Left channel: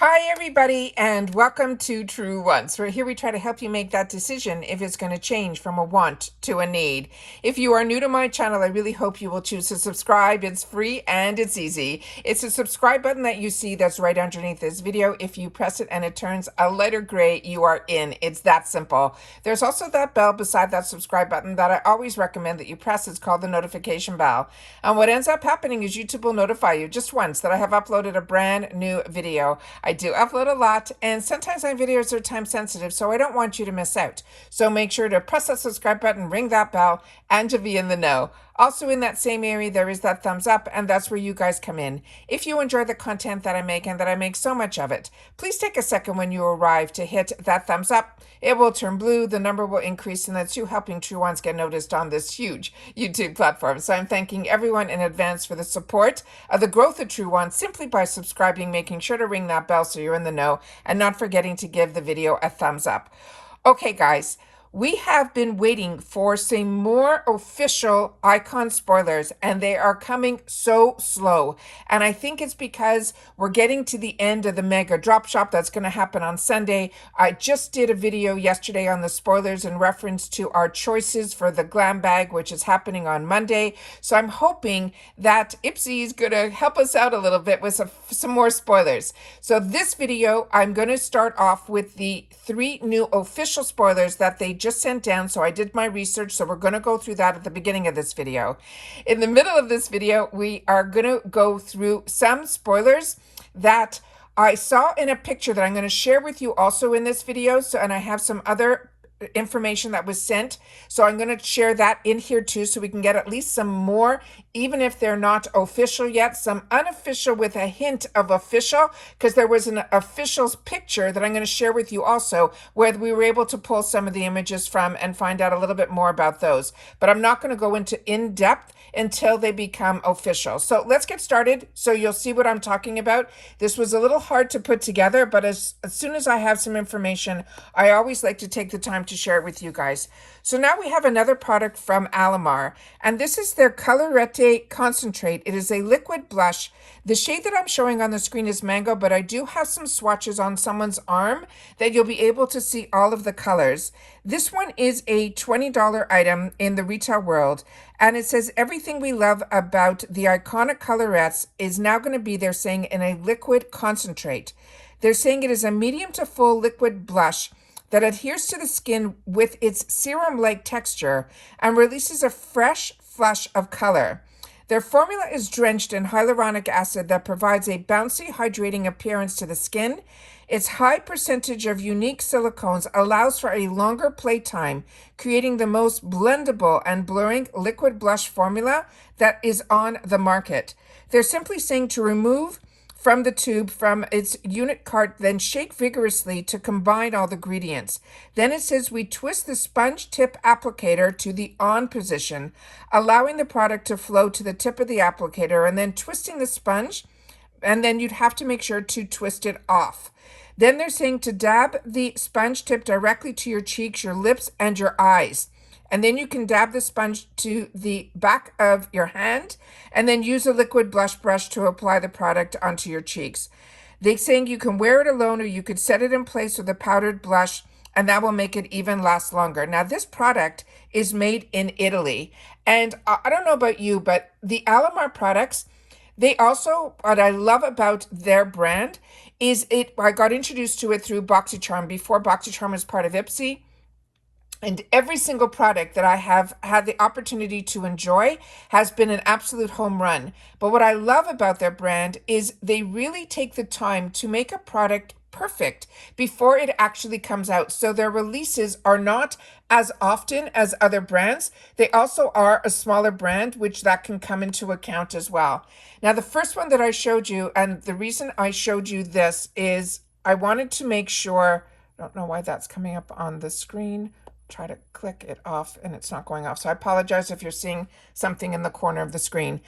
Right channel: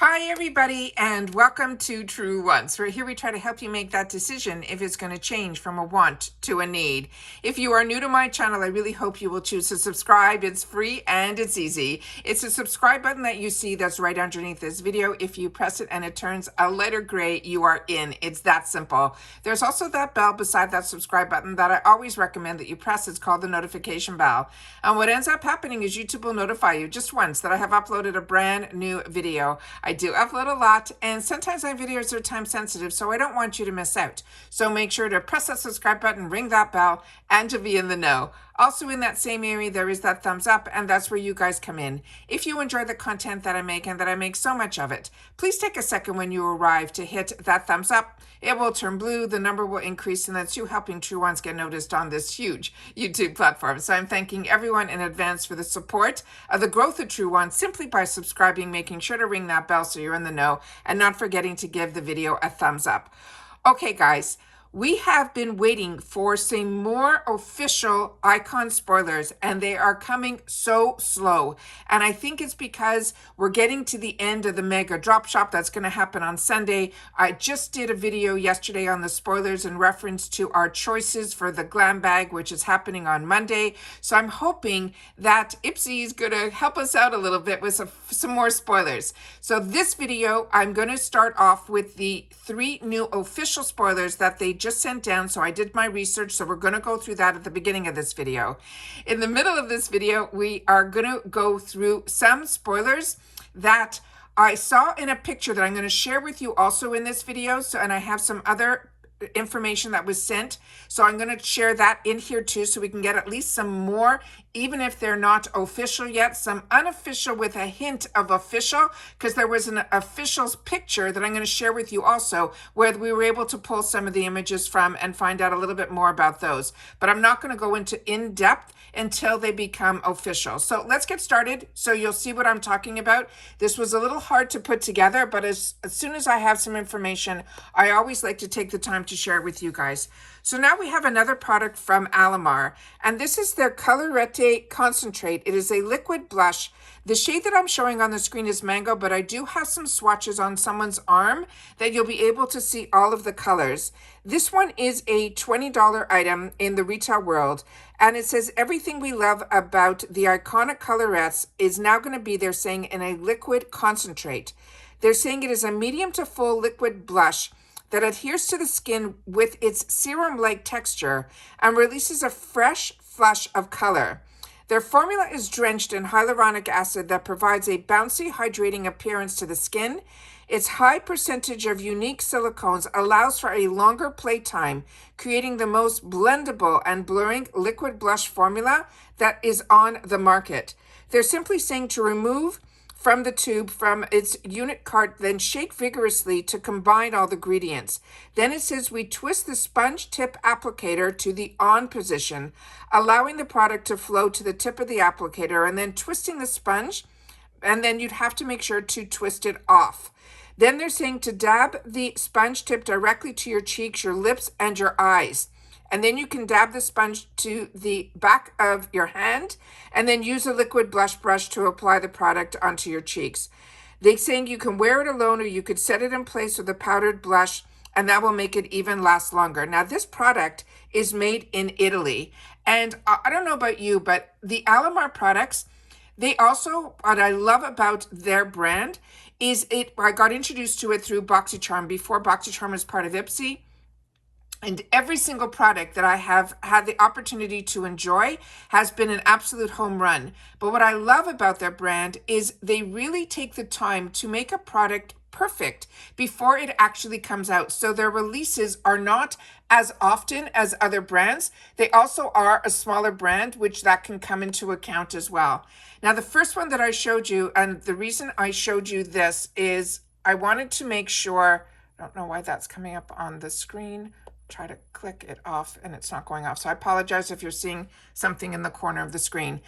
Hi, everybody, and welcome to True Wants. Here we try to help you make that decision if it's going to change from a want to a need. If you are new to my channel, I really hope you will choose to subscribe. It's free and it's easy. It's a subscribe button that you see that's right underneath this video. If you press it and it turns a lighter gray, you are in. It's that simple. There's also that bell beside that subscribe button that I always recommend that you press. It's called the notification bell. And what ends up happening is YouTube will notify you just once that I have uploaded a brand new video. I do upload a lot, and sometimes my videos are time sensitive, so I don't want you to miss out. So make sure to press that subscribe button, ring that bell, and to be in the know. Also in that same area, there is that thumbs up, and that's where you guys come in. If you enjoy the content that I make, and that I make so much of it, please take a second when you arrive to hit that thumbs up. It will turn blue, the number will increase, and that's you helping True Ones get noticed on this huge YouTube platform. So I'm thanking everyone in advance for the support of the growth of True Ones simply by subscribing, making sure to ring that bell so you're in the know, and not forgetting to give the video a thumbs up. Okay, guys. We have been waiting for some more official icon spoilers, and they are coming so slow. And I think it's because we're getting to the end of the mega drop shop that's going to happen on Sunday. I just did a video yesterday on the spoilers in reference to our choices for the glam bag, which is happening on Monday. So I'm hoping that IPSY is going to help us out a little bit with some more spoilers. So this video, I'm going to start off with the 3 new official spoilers that they just sent down. So I did my research, so we're going to go through that at the beginning of this video. In the middle of this video, we are going to go through some spoilers that I saw in a picture that I'm going to share with you also in this video. So, and I have some other information that was sent, so I'm going to share that in here too, so we can get at least some more, even if they're not official yet, some unofficial with a hint of official, because there was an official picture that I'm going to share with you also, where we were able to pull some of the images from and find out a little bit more about those. But I'm not going to go into in-depth until they become official. So let's get started so you'll see what I'm talking about. This was a little hard to put together, but as soon as I have some information, I always like to take the time to share it with you guys. So now we have another product from Alamar, and this is their Colorette Concentrate. It is a liquid blush. The shade that I'm showing on the screen is Mango, but I do have some swatches on someone's arm that you'll be able to see all of the colors. This one is a $20 item in the retail world, and it says everything we love about the iconic Colorettes is now going to be, they're saying, in a liquid concentrate. They're saying it is a medium to full liquid blush that adheres to the skin with its serum-like texture and releases a fresh flush of color. Their formula is drenched in hyaluronic acid that provides a bouncy, hydrating appearance to the skin. Its high percentage of unique silicones allows for a longer playtime, creating the most blendable and blurring liquid blush formula that is on the market. They're simply saying to remove from the tube from its unit cart, then shake vigorously to combine all the ingredients. Then it says we twist the sponge tip applicator to the on position, allowing the product to flow to the tip of the applicator, and then twisting the sponge, and then you'd have to make sure to twist it off. Then they're saying to dab the sponge tip directly to your cheeks, your lips, and your eyes. And then you can dab the sponge to the back of your hand and then use a liquid blush brush to apply the product onto your cheeks. They're saying you can wear it alone, or you could set it in place with a powdered blush, and that will make it even last longer. Now, this product is made in Italy. And I don't know about you, but the Alamar products, they also, what I love about their brand is I got introduced to it through BoxyCharm before BoxyCharm was part of IPSY. And every single product that I have had the opportunity to enjoy has been an absolute home run. But what I love about their brand is they really take the time to make a product perfect before it actually comes out. So their releases are not as often as other brands. They also are a smaller brand, which that can come into account as well. Now, the first one that I showed you, and the reason I showed you this is I wanted to make sure, I don't know why that's coming up on the screen. Try to click it off and it's not going off. So I apologize if you're seeing something in the corner of the screen.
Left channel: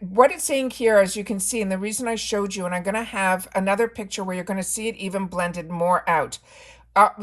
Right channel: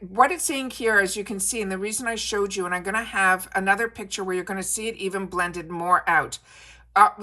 What it's saying here, as you can see, and the reason I showed you, and I'm going to have another picture where you're going to see it even blended more out,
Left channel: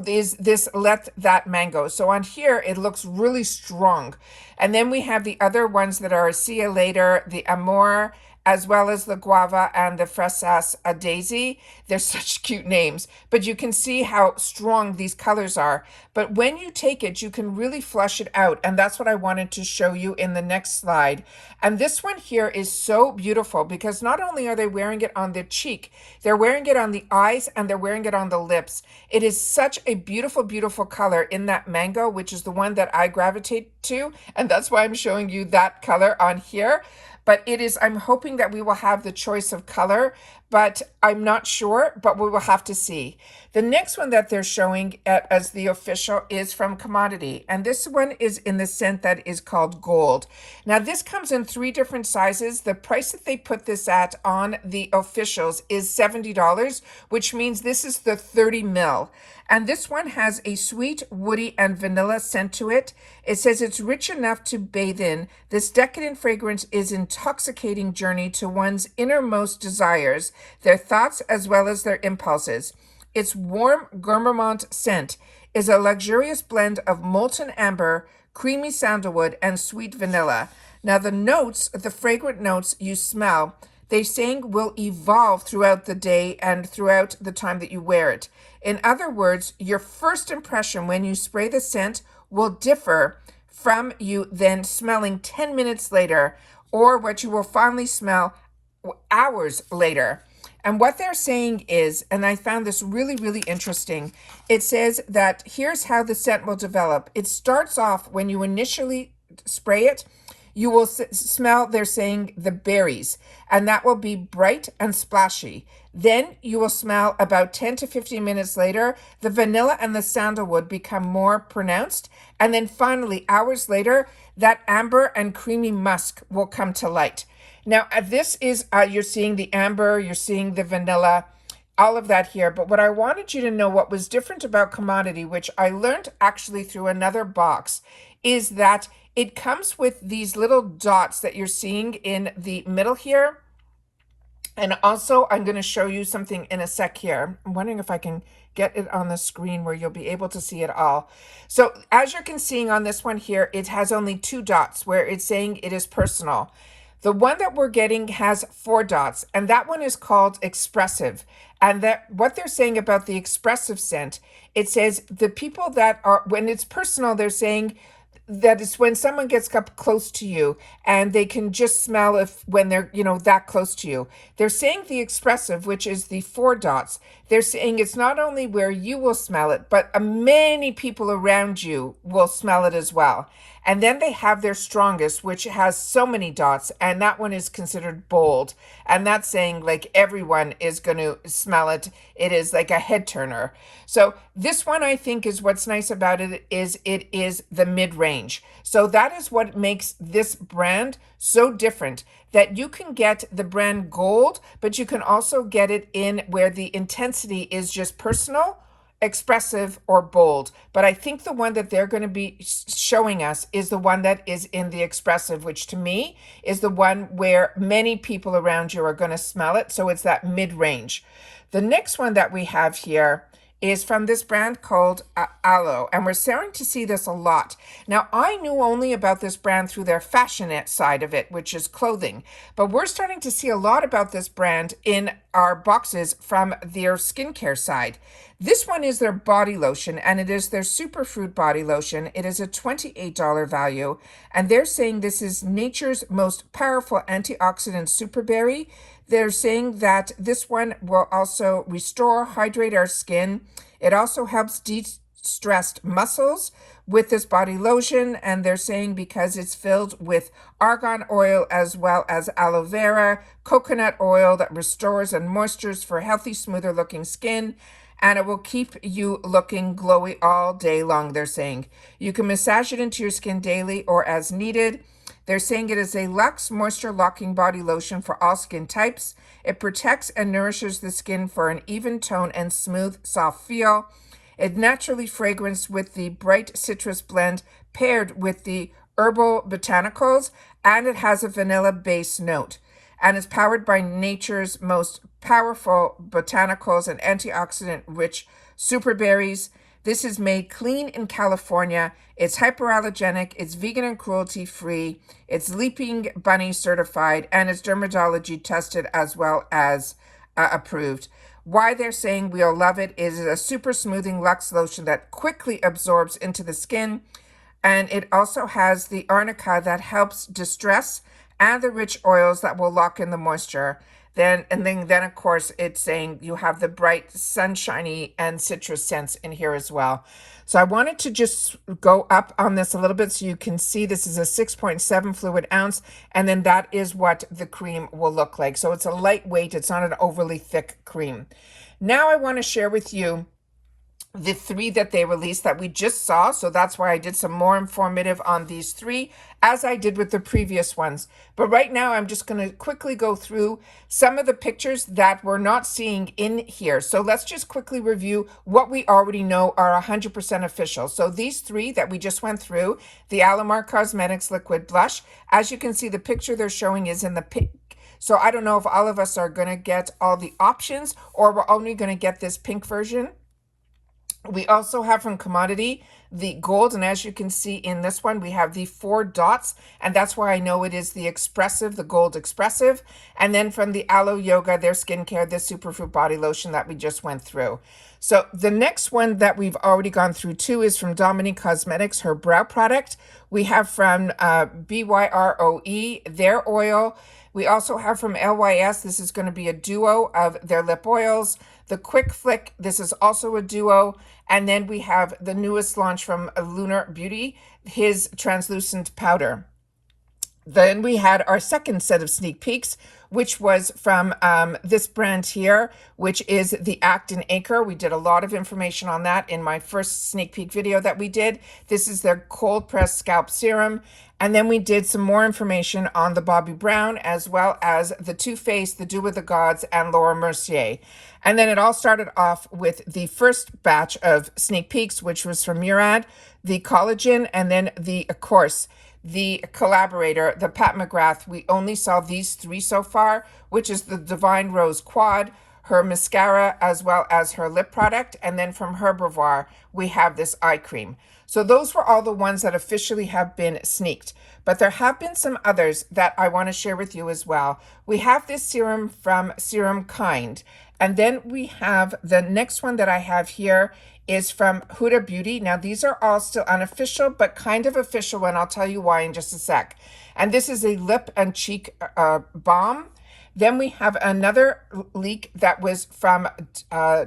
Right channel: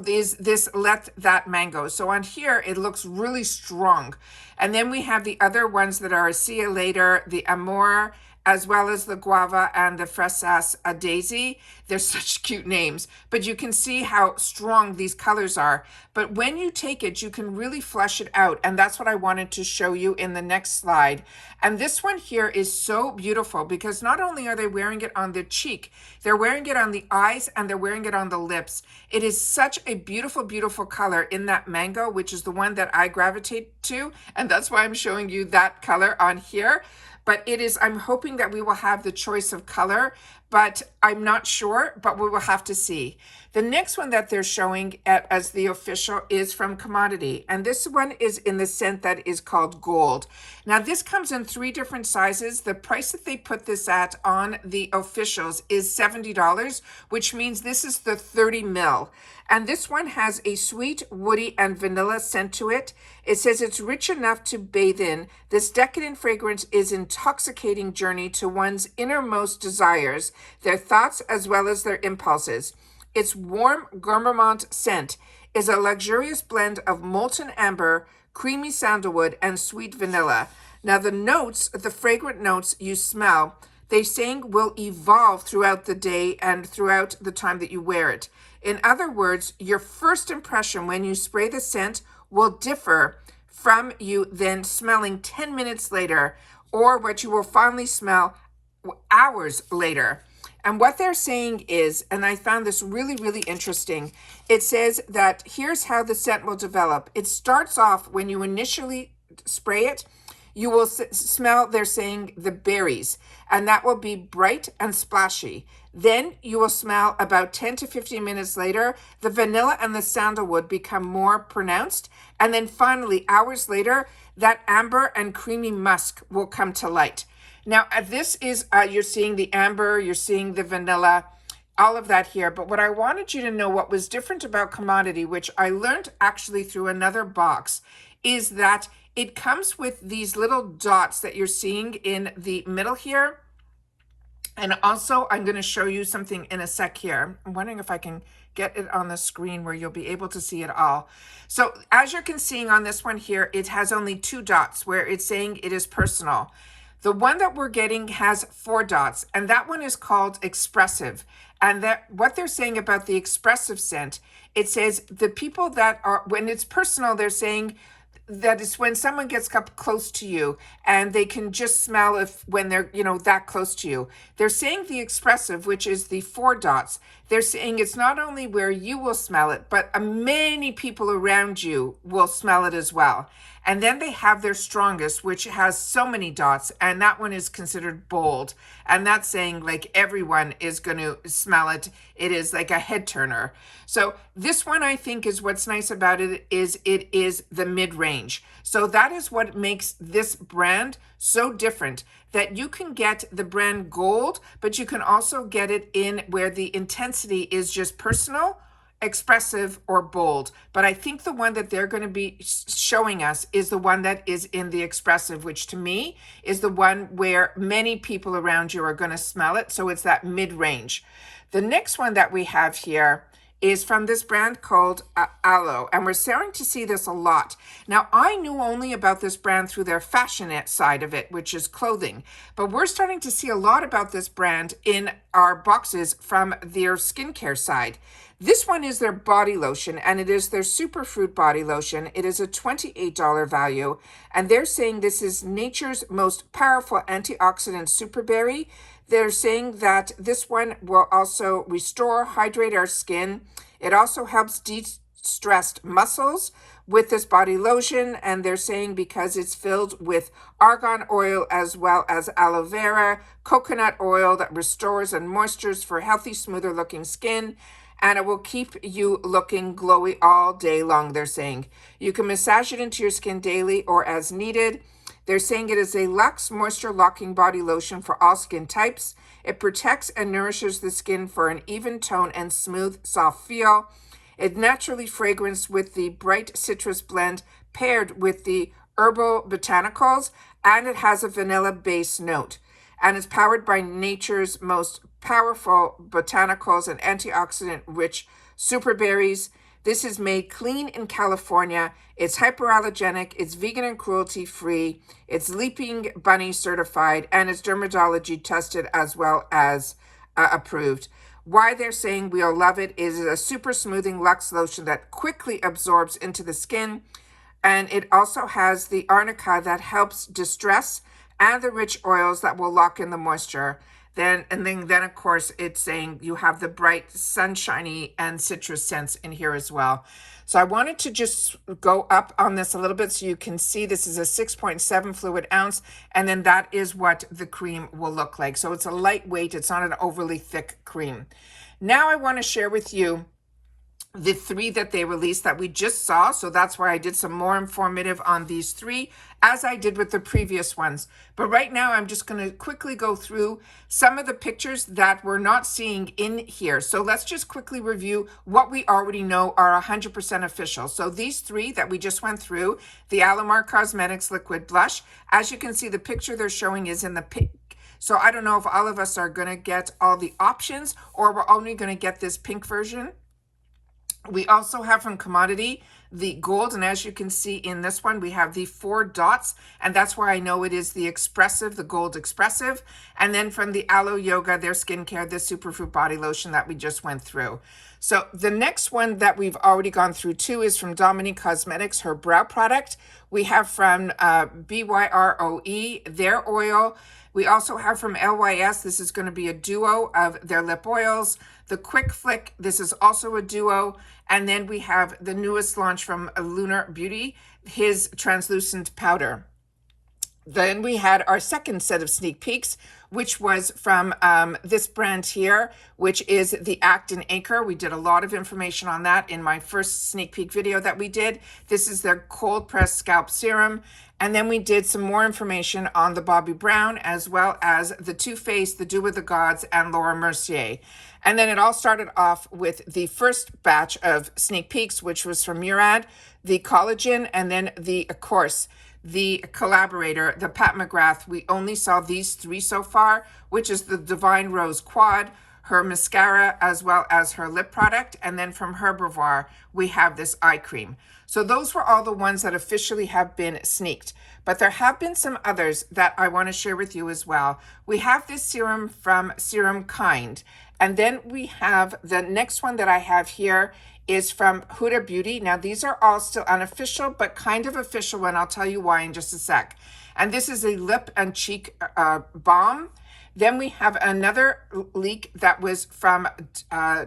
is this Let That Mango. So on here, it looks really strong. And then we have the other ones that are See You Later, the Amour, as well as the guava and the fresas a daisy. They're such cute names, but you can see how strong these colors are. But when you take it, you can really flush it out. And that's what I wanted to show you in the next slide. And this one here is so beautiful because not only are they wearing it on their cheek, they're wearing it on the eyes and they're wearing it on the lips. It is such a beautiful, beautiful color in that mango, which is the one that I gravitate to. And that's why I'm showing you that color on here. But it is, I'm hoping that we will have the choice of color, but I'm not sure, but we will have to see. The next one that they're showing as the official is from Commodity. And this one is in the scent that is called Gold. Now this comes in 3 different sizes. The price that they put this at on the officials is $70, which means this is the 30 ml. And this one has a sweet, woody, and vanilla scent to it. It says it's rich enough to bathe in. This decadent fragrance is an intoxicating journey to one's innermost desires, their thoughts as well as their impulses. Its warm gourmand scent is a luxurious blend of molten amber, creamy sandalwood, and sweet vanilla. Now the notes, the fragrant notes you smell, they saying will evolve throughout the day and throughout the time that you wear it. In other words, your first impression when you spray the scent will differ from you then smelling 10 minutes later, or what you will finally smell hours later. And what they're saying is, and I found this really, really interesting, it says that here's how the scent will develop. It starts off when you initially spray it, you will smell, they're saying, the berries, and that will be bright and splashy. Then you will smell about 10 to 15 minutes later, the vanilla and the sandalwood become more pronounced. And then finally, hours later, that amber and creamy musk will come to light. Now, this is, you're seeing the amber, you're seeing the vanilla, all of that here. But what I wanted you to know, what was different about Commodity, which I learned actually through another box, is that it comes with these little dots that you're seeing in the middle here. And also, I'm going to show you something in a sec here. I'm wondering if I can get it on the screen where you'll be able to see it all. So as you can see on this one here, it has only 2 dots where it's saying it is personal. The one that we're getting has 4 dots, and that one is called expressive. And that what they're saying about the expressive scent, it says the people that are, when it's personal, they're saying that is when someone gets up close to you and they can just smell if when they're, that close to you. They're saying the expressive, which is the 4 dots. They're saying it's not only where you will smell it, but many people around you will smell it as well. And then they have their strongest, which has so many dots, and that one is considered bold. And that's saying like everyone is going to smell it. It is like a head turner. So this one, I think, is what's nice about it is the mid-range. So that is what makes this brand so different, that you can get the brand Gold, but you can also get it in where the intensity is just personal, expressive, or bold. But I think the one that they're going to be showing us is the one that is in the expressive, which to me is the one where many people around you are going to smell it. So it's that mid-range. The next one that we have here is from this brand called Aloe, and we're starting to see this a lot. Now, I knew only about this brand through their fashionette side of it, which is clothing, but we're starting to see a lot about this brand in our boxes from their skincare side. This one is their body lotion, and it is their superfruit body lotion. It is a $28 value, and they're saying this is nature's most powerful antioxidant superberry. They're saying that this one will also restore, hydrate our skin. It also helps de-stressed muscles with this body lotion, and they're saying because it's filled with argan oil as well as aloe vera, coconut oil that restores and moistures for healthy, smoother looking skin. And it will keep you looking glowy all day long, they're saying. You can massage it into your skin daily or as needed. They're saying it is a luxe moisture locking body lotion for all skin types. It protects and nourishes the skin for an even tone and smooth, soft feel. It naturally fragranced with the bright citrus blend paired with the herbal botanicals, and it has a vanilla base note. And is powered by nature's most powerful botanicals and antioxidant rich superberries. This is made clean in California. It's hypoallergenic, it's vegan and cruelty free, it's Leaping Bunny certified, and it's dermatology tested as well as approved. Why they're saying we'll love it is a super smoothing luxe lotion that quickly absorbs into the skin. And it also has the arnica that helps distress and the rich oils that will lock in the moisture. Then of course it's saying you have the bright sunshiny and citrus scents in here as well. So I wanted to just go up on this a little bit so you can see this is a 6.7 fluid ounce, and then that is what the cream will look like. So it's a lightweight, it's not an overly thick cream. Now I want to share with you the 3 that they released that we just saw. So that's why I did some more informative on these 3 as I did with the previous ones. But right now I'm just going to quickly go through some of the pictures that we're not seeing in here. So let's just quickly review what we already know are 100% official. So these 3 that we just went through, the Alamar Cosmetics Liquid Blush, as you can see, the picture they're showing is in the pink. So I don't know if all of us are going to get all the options or we're only going to get this pink version. We also have from Commodity the gold, and as you can see in this one, we have the 4 dots, and that's why I know it is the expressive, the gold expressive. And then from the Aloe Yoga, their skincare, the superfood body lotion that we just went through. So the next one that we've already gone through too is from Dominique Cosmetics, her brow product. We have from BYROE, their oil. We also have from LYS, this is going to be a duo of their lip oils. The Quick Flick, this is also a duo. And then we have the newest launch from Lunar Beauty, his translucent powder. Then we had our second set of sneak peeks, which was from this brand here, which is the Act and Anchor. We did a lot of information on that in my first sneak peek video that we did. This is their cold pressed scalp serum. And then we did some more information on the Bobbi Brown, as well as the Too Faced, the Dew with the Gods, and Laura Mercier. And then it all started off with the first batch of sneak peeks, which was from Murad, the Collagen, and then the, of course, the collaborator, the Pat McGrath. We only saw these 3 so far, which is the Divine Rose Quad, her mascara, as well as her lip product. And then from Herbivore, we have this eye cream. So those were all the ones that officially have been sneaked. But there have been some others that I want to share with you as well. We have this serum from Serum Kind. And then we have the next one that I have here is from Huda Beauty. Now, these are all still unofficial, but kind of official, and I'll tell you why in just a sec. And this is a lip and cheek balm. Then we have another leak that was from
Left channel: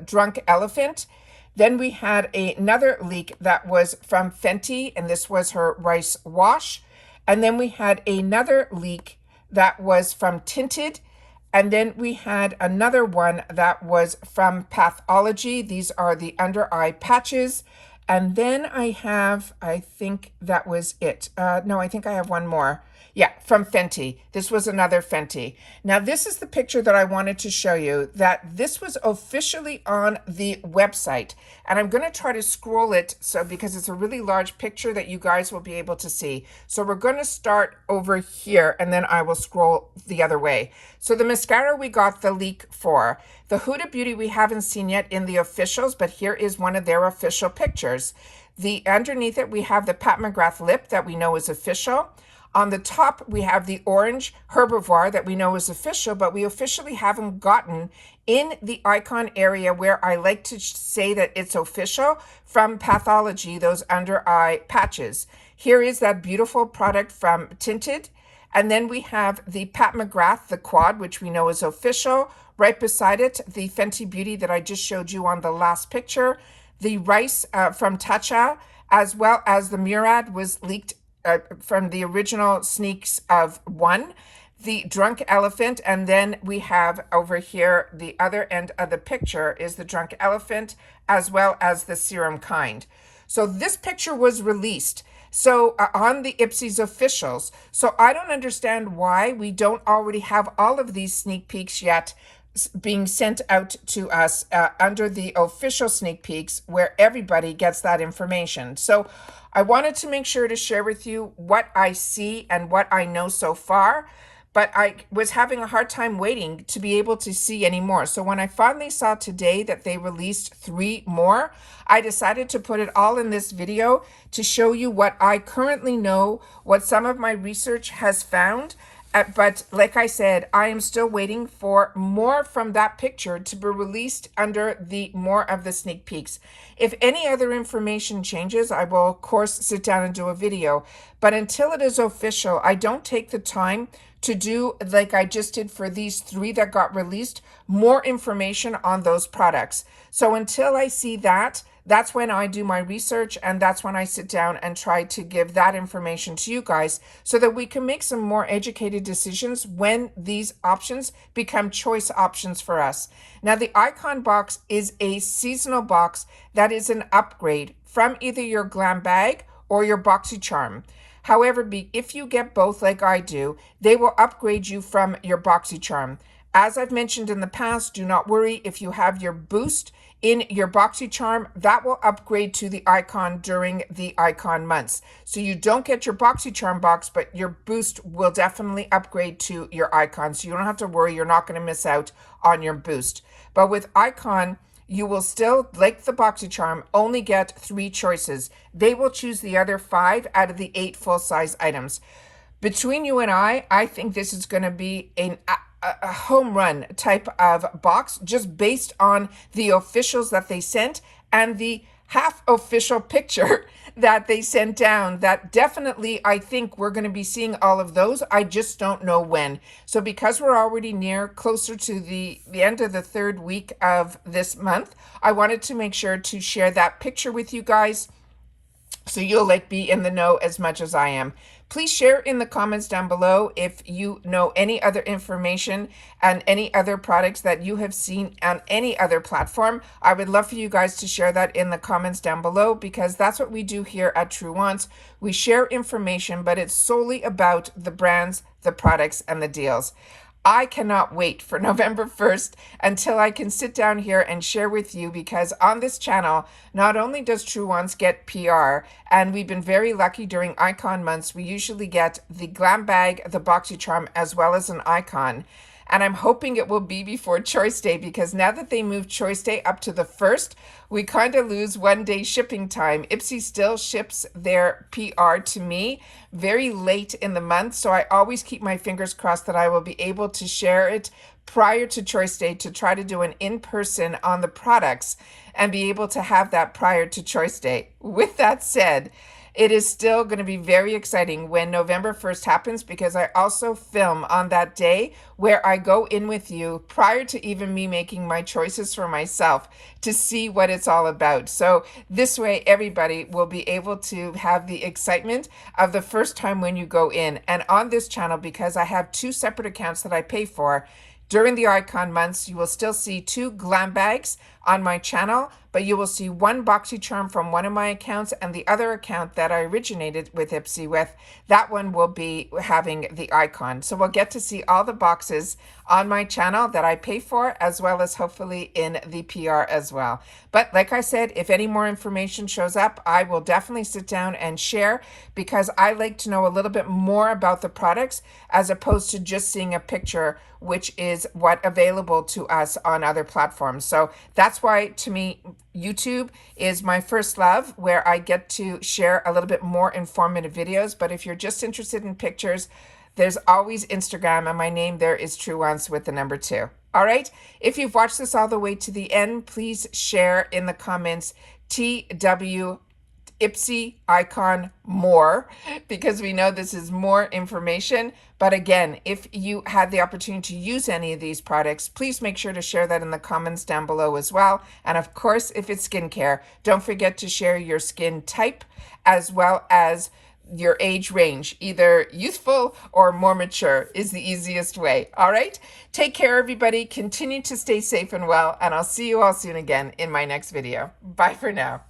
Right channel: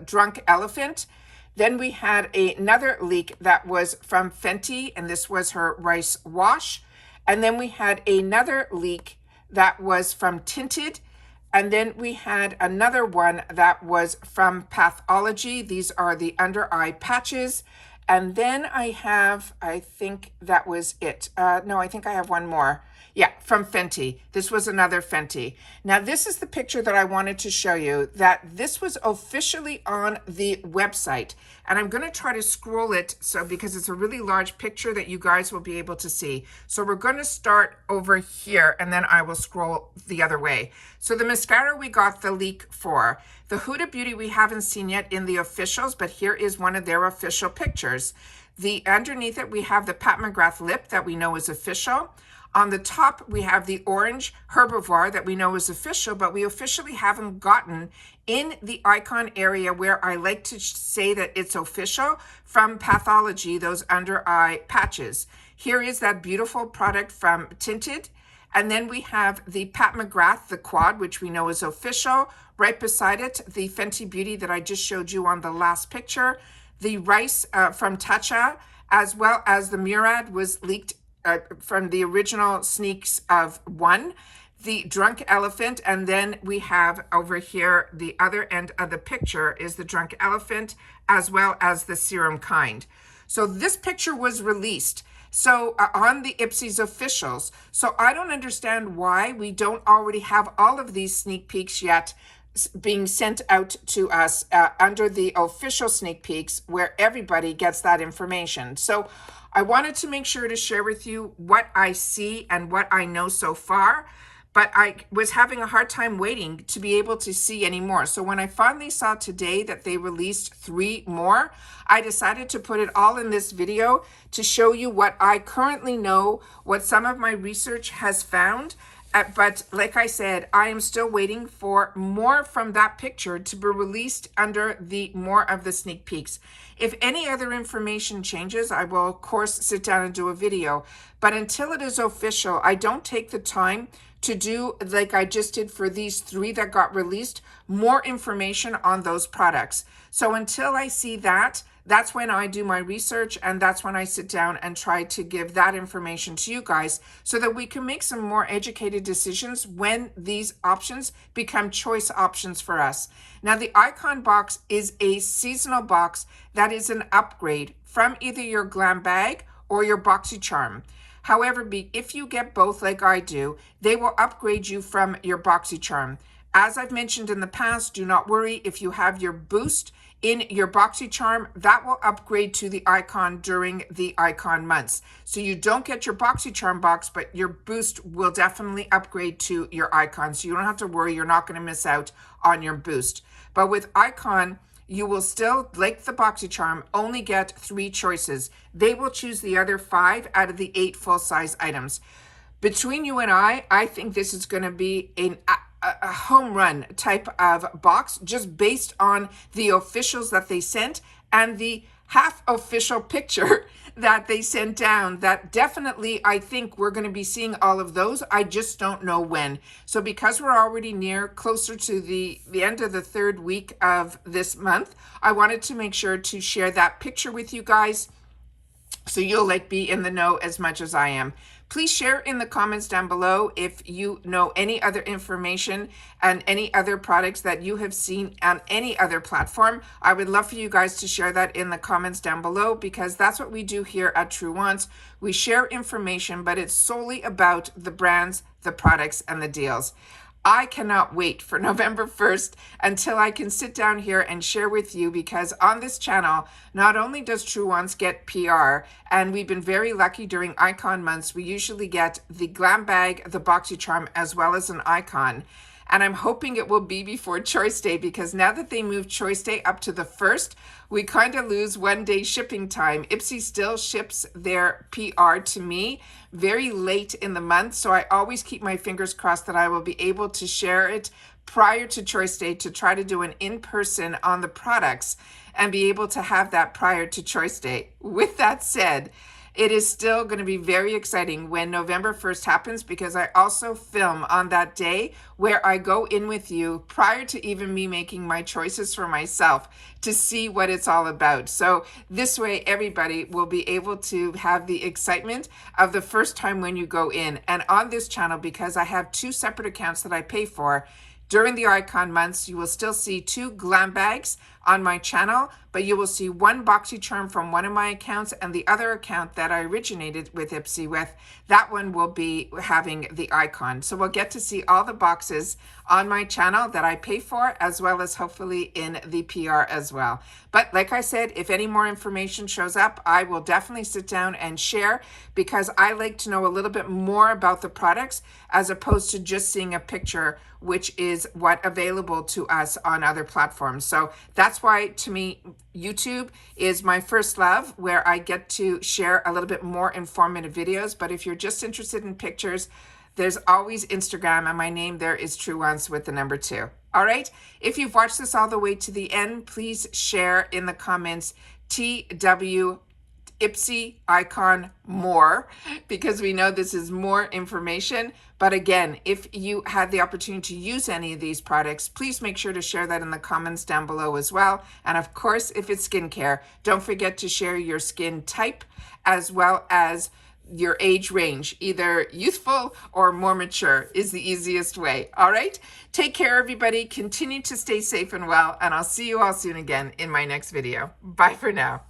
Drunk Elephant. Then we had another leak that was from Fenty, and this was her rice wash. And then we had another leak that was from Tinted. And then we had another one that was from Pathology. These are the under eye patches. And then I think that was it. No, I think I have one more. Yeah, from Fenty. This was another Fenty. Now, this is the picture that I wanted to show you, that this was officially on the website. And I'm going to try to scroll it because it's a really large picture that you guys will be able to see. So we're going to start over here, and then I will scroll the other way. So the mascara we got the leak for. The Huda Beauty we haven't seen yet in the officials, but here is one of their official pictures. Underneath it, we have the Pat McGrath lip that we know is official. On the top, we have the orange Herbivore that we know is official, but we officially haven't gotten in the icon area where I like to say that it's official from Pathology, those under eye patches. Here is that beautiful product from Tinted. And then we have the Pat McGrath, the quad, which we know is official. Right beside it, the Fenty Beauty that I just showed you on the last picture. The rice from Tatcha, as well as the Murad was leaked from the original sneaks of 1, the Drunk Elephant, and then we have over here, the other end of the picture is the Drunk Elephant, as well as the Serum Kind. So this picture was released on the IPSY's officials. So I don't understand why we don't already have all of these sneak peeks yet being sent out to us under the official sneak peeks where everybody gets that information. So I wanted to make sure to share with you what I see and what I know so far. but I was having a hard time waiting to be able to see any more. So when I finally saw today that they released 3 more, I decided to put it all in this video to show you what I currently know, what some of my research has found. But like I said, I am still waiting for more from that picture to be released under the more of the sneak peeks. If any other information changes, I will of course sit down and do a video. But until it is official, I don't take the time to do like I just did for these 3 that got released, more information on those products. So until I see that, that's when I do my research, and that's when I sit down and try to give that information to you guys so that we can make some more educated decisions when these options become choice options for us. Now, the Icon box is a seasonal box that is an upgrade from either your glam bag or your BoxyCharm. However, if you get both like I do, they will upgrade you from your BoxyCharm. As I've mentioned in the past, do not worry if you have your boost in your BoxyCharm, that will upgrade to the Icon during the Icon months. So you don't get your BoxyCharm box, but your boost will definitely upgrade to your Icon. So you don't have to worry, you're not going to miss out on your boost. But with Icon, you will still, like the BoxyCharm, only get 3 choices. They will choose the other 5 out of the 8 full-size items. Between you and I think this is going to be a home run type of box, just based on the officials that they sent and the half official picture that they sent down. That definitely, I think we're going to be seeing all of those. I just don't know when. So because we're already closer to the end of the 3rd week of this month, I wanted to make sure to share that picture with you guys so you'll be in the know as much as I am. Please share in the comments down below if you know any other information and any other products that you have seen on any other platform. I would love for you guys to share that in the comments down below, because that's what we do here at True Wants. We share information, but it's solely about the brands, the products, and the deals. I cannot wait for November 1st until I can sit down here and share with you, because on this channel, not only does True Wants get PR, and we've been very lucky during Icon months, we usually get the glam bag, the BoxyCharm, as well as an Icon. And I'm hoping it will be before Choice Day, because now that they moved Choice Day up to the 1st, we kind of lose 1 day shipping time. IPSY still ships their PR to me very late in the month, so I always keep my fingers crossed that I will be able to share it prior to Choice Day, to try to do an in-person on the products and be able to have that prior to Choice Day. With that said, it is still going to be very exciting when November 1st happens, because I also film on that day where I go in with you prior to even me making my choices for myself to see what it's all about. So this way, everybody will be able to have the excitement of the first time when you go in. And on this channel, because I have 2 separate accounts that I pay for, during the Icon months, you will still see 2 glam bags on my channel, but you will see 1 BoxyCharm from one of my accounts, and the other account that I originated with IPSY with, that one will be having the Icon. So we'll get to see all the boxes on my channel that I pay for, as well as hopefully in the PR as well. But like I said, if any more information shows up, I will definitely sit down and share, because I like to know a little bit more about the products as opposed to just seeing a picture, which is what available to us on other platforms. So that's why, to me, YouTube is my first love, where I get to share a little bit more informative videos. But if you're just interested in pictures, there's always Instagram, and my name there is True Wants with the number 2. All right. If you've watched this all the way to the end, please share in the comments TW IPSY Icon more, because we know this is more information. But again, if you had the opportunity to use any of these products, please make sure to share that in the comments down below as well. And of course, if it's skincare, don't forget to share your skin type as well as your age range. Either youthful or more mature is the easiest way. All right. Take care, everybody. Continue to stay safe and well, and I'll see you all soon again in my next video. Bye for now.